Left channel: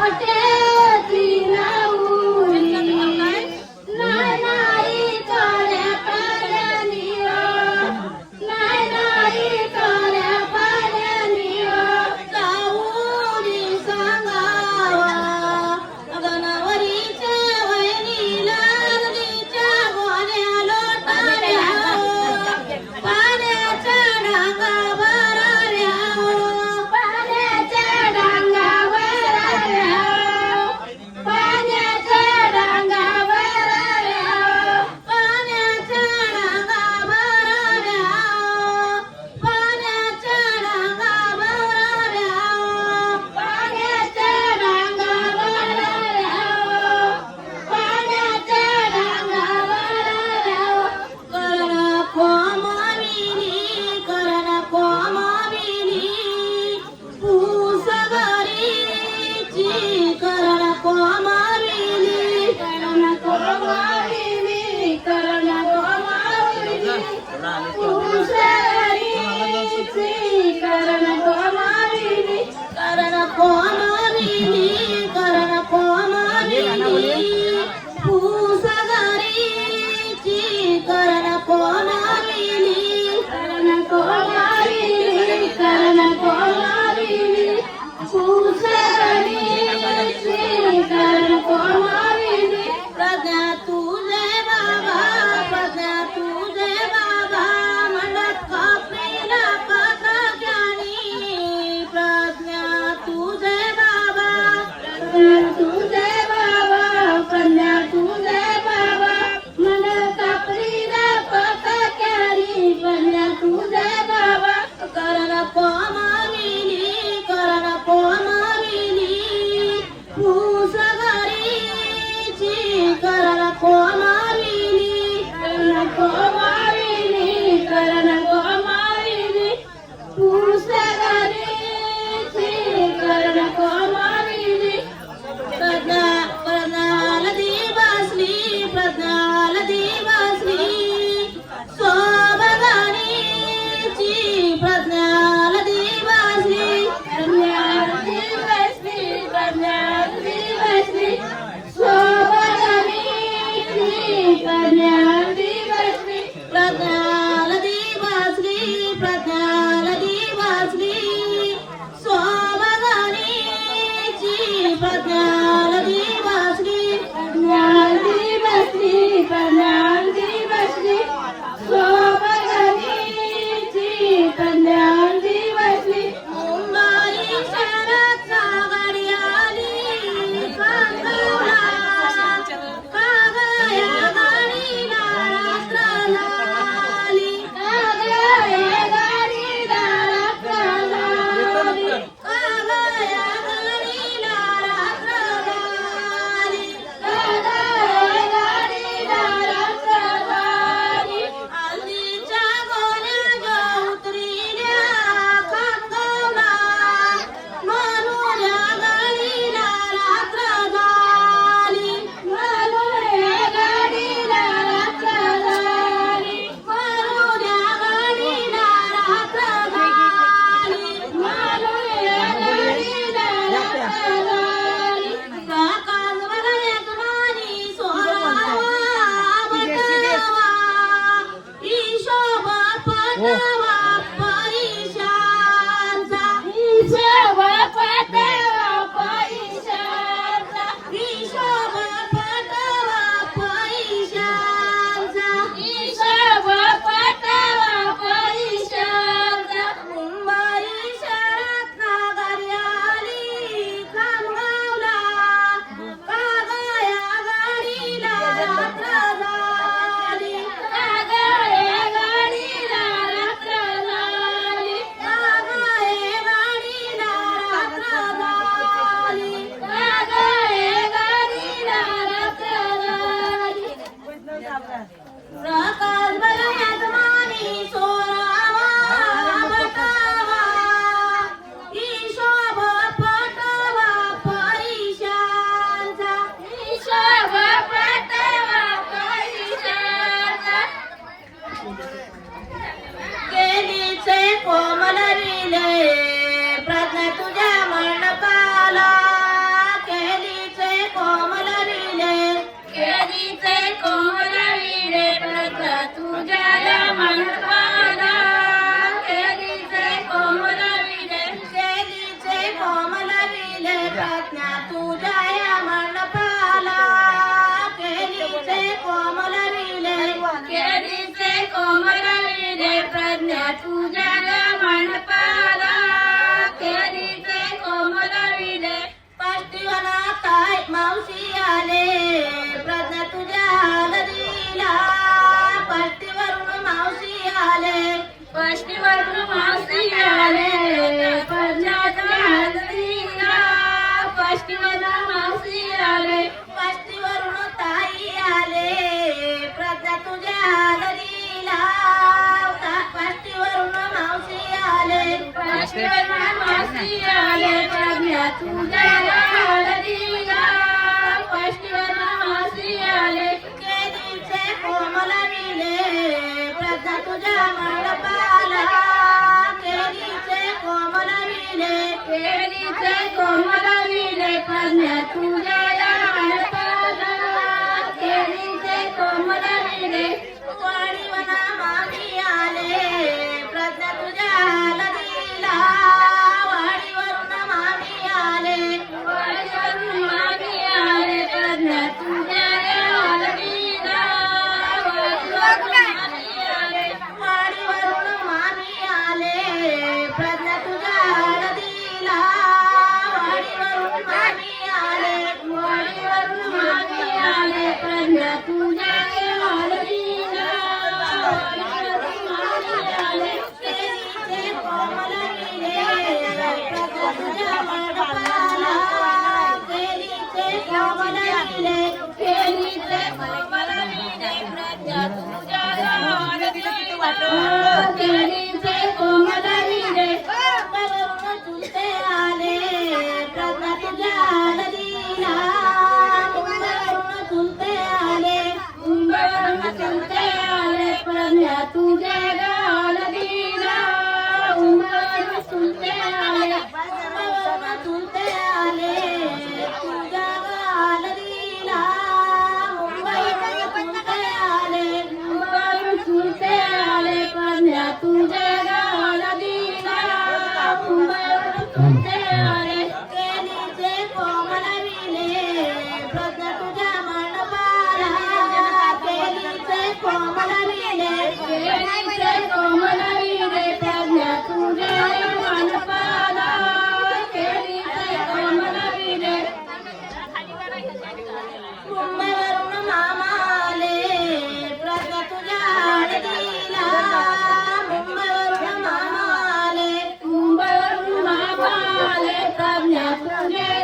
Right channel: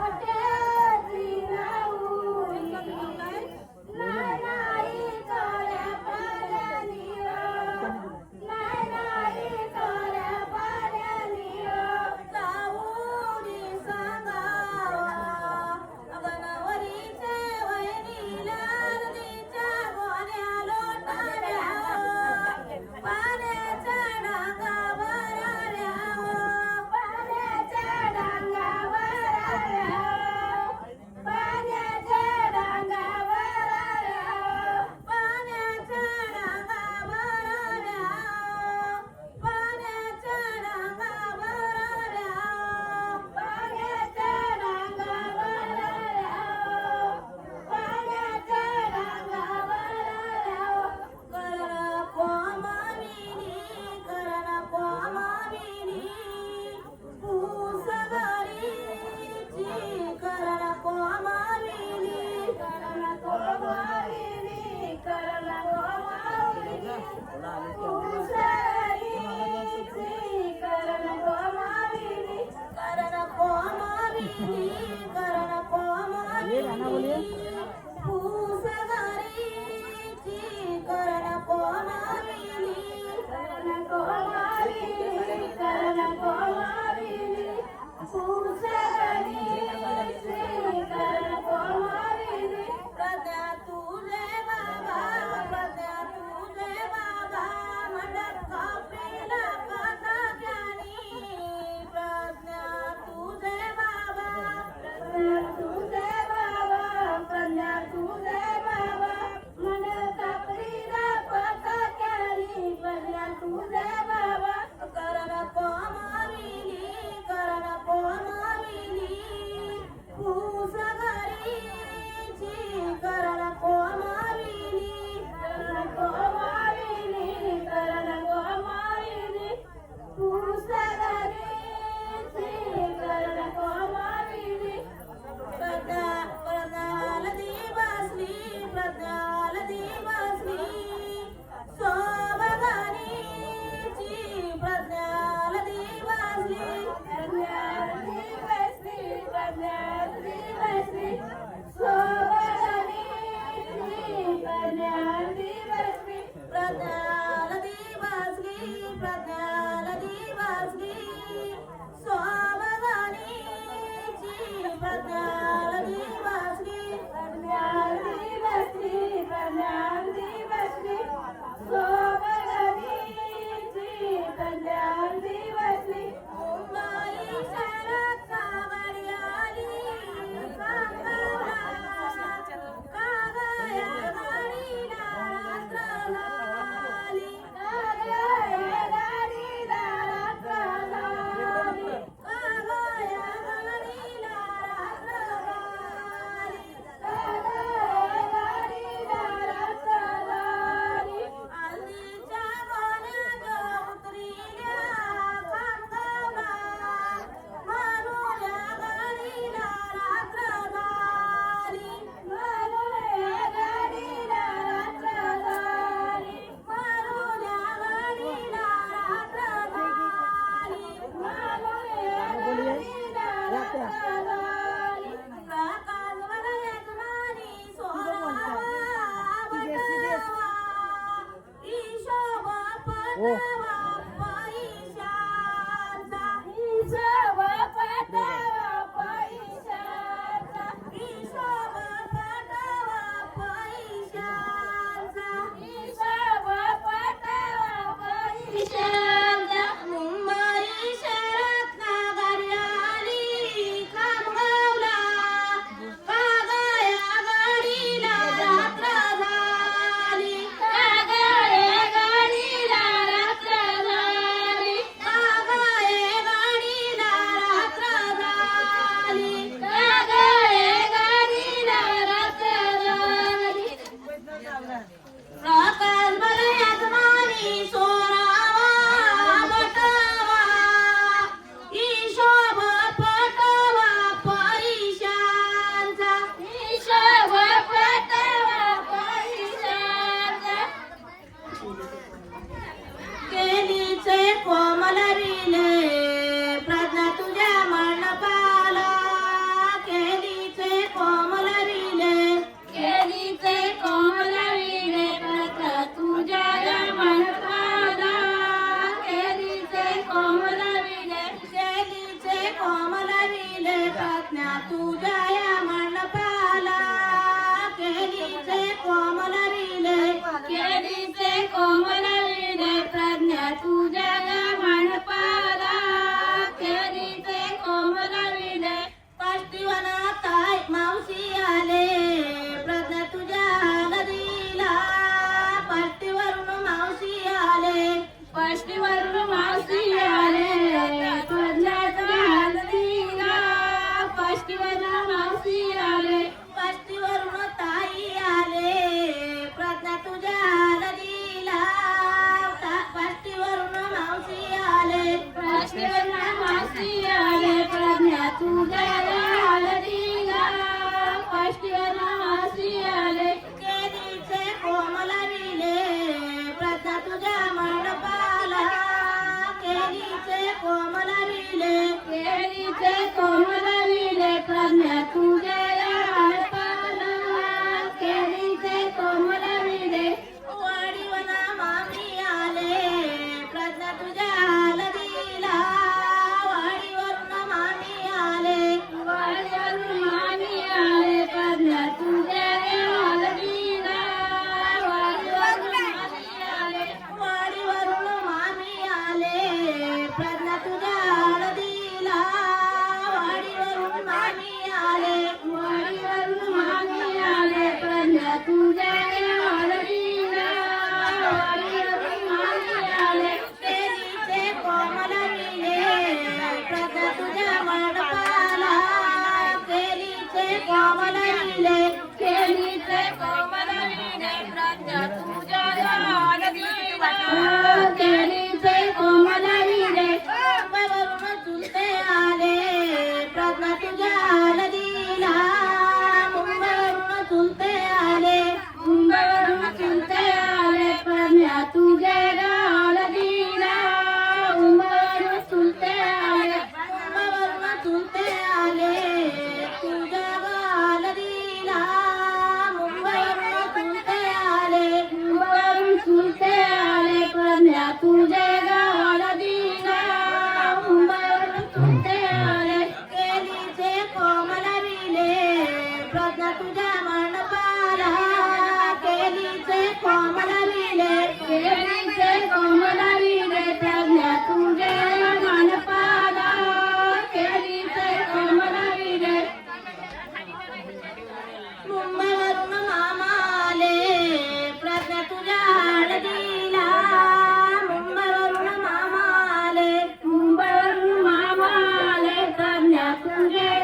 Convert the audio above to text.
কাটে केलीचे कोमल रिले प्रार्थना तुझ्या मंडपाला केलीचे कोमल रिले केलीचे कोमल रिले प्रार्थना तुझ्या या मंडपाला केलीचे कोमल रिले केलीचे कोमल रिले प्रार्थना तुझ्या केळीचे कोमल लिहिले केळीचे कोमल लिहिले प्रज्ञा तुझ्या म्हणपाला केळीचे कोमल लिहिले पाष्टीवना ताय मावशी आले. प्रज्ञा तुझ्या हलरीला पाष्टीवरून मावशी आले. पाष्टीवरून मावशी आले. प्रज्ञा तुझ्या हलरीला पाष्टीवरून मावशी आले. कोमल विले कोमल विले कन्या तुझे children.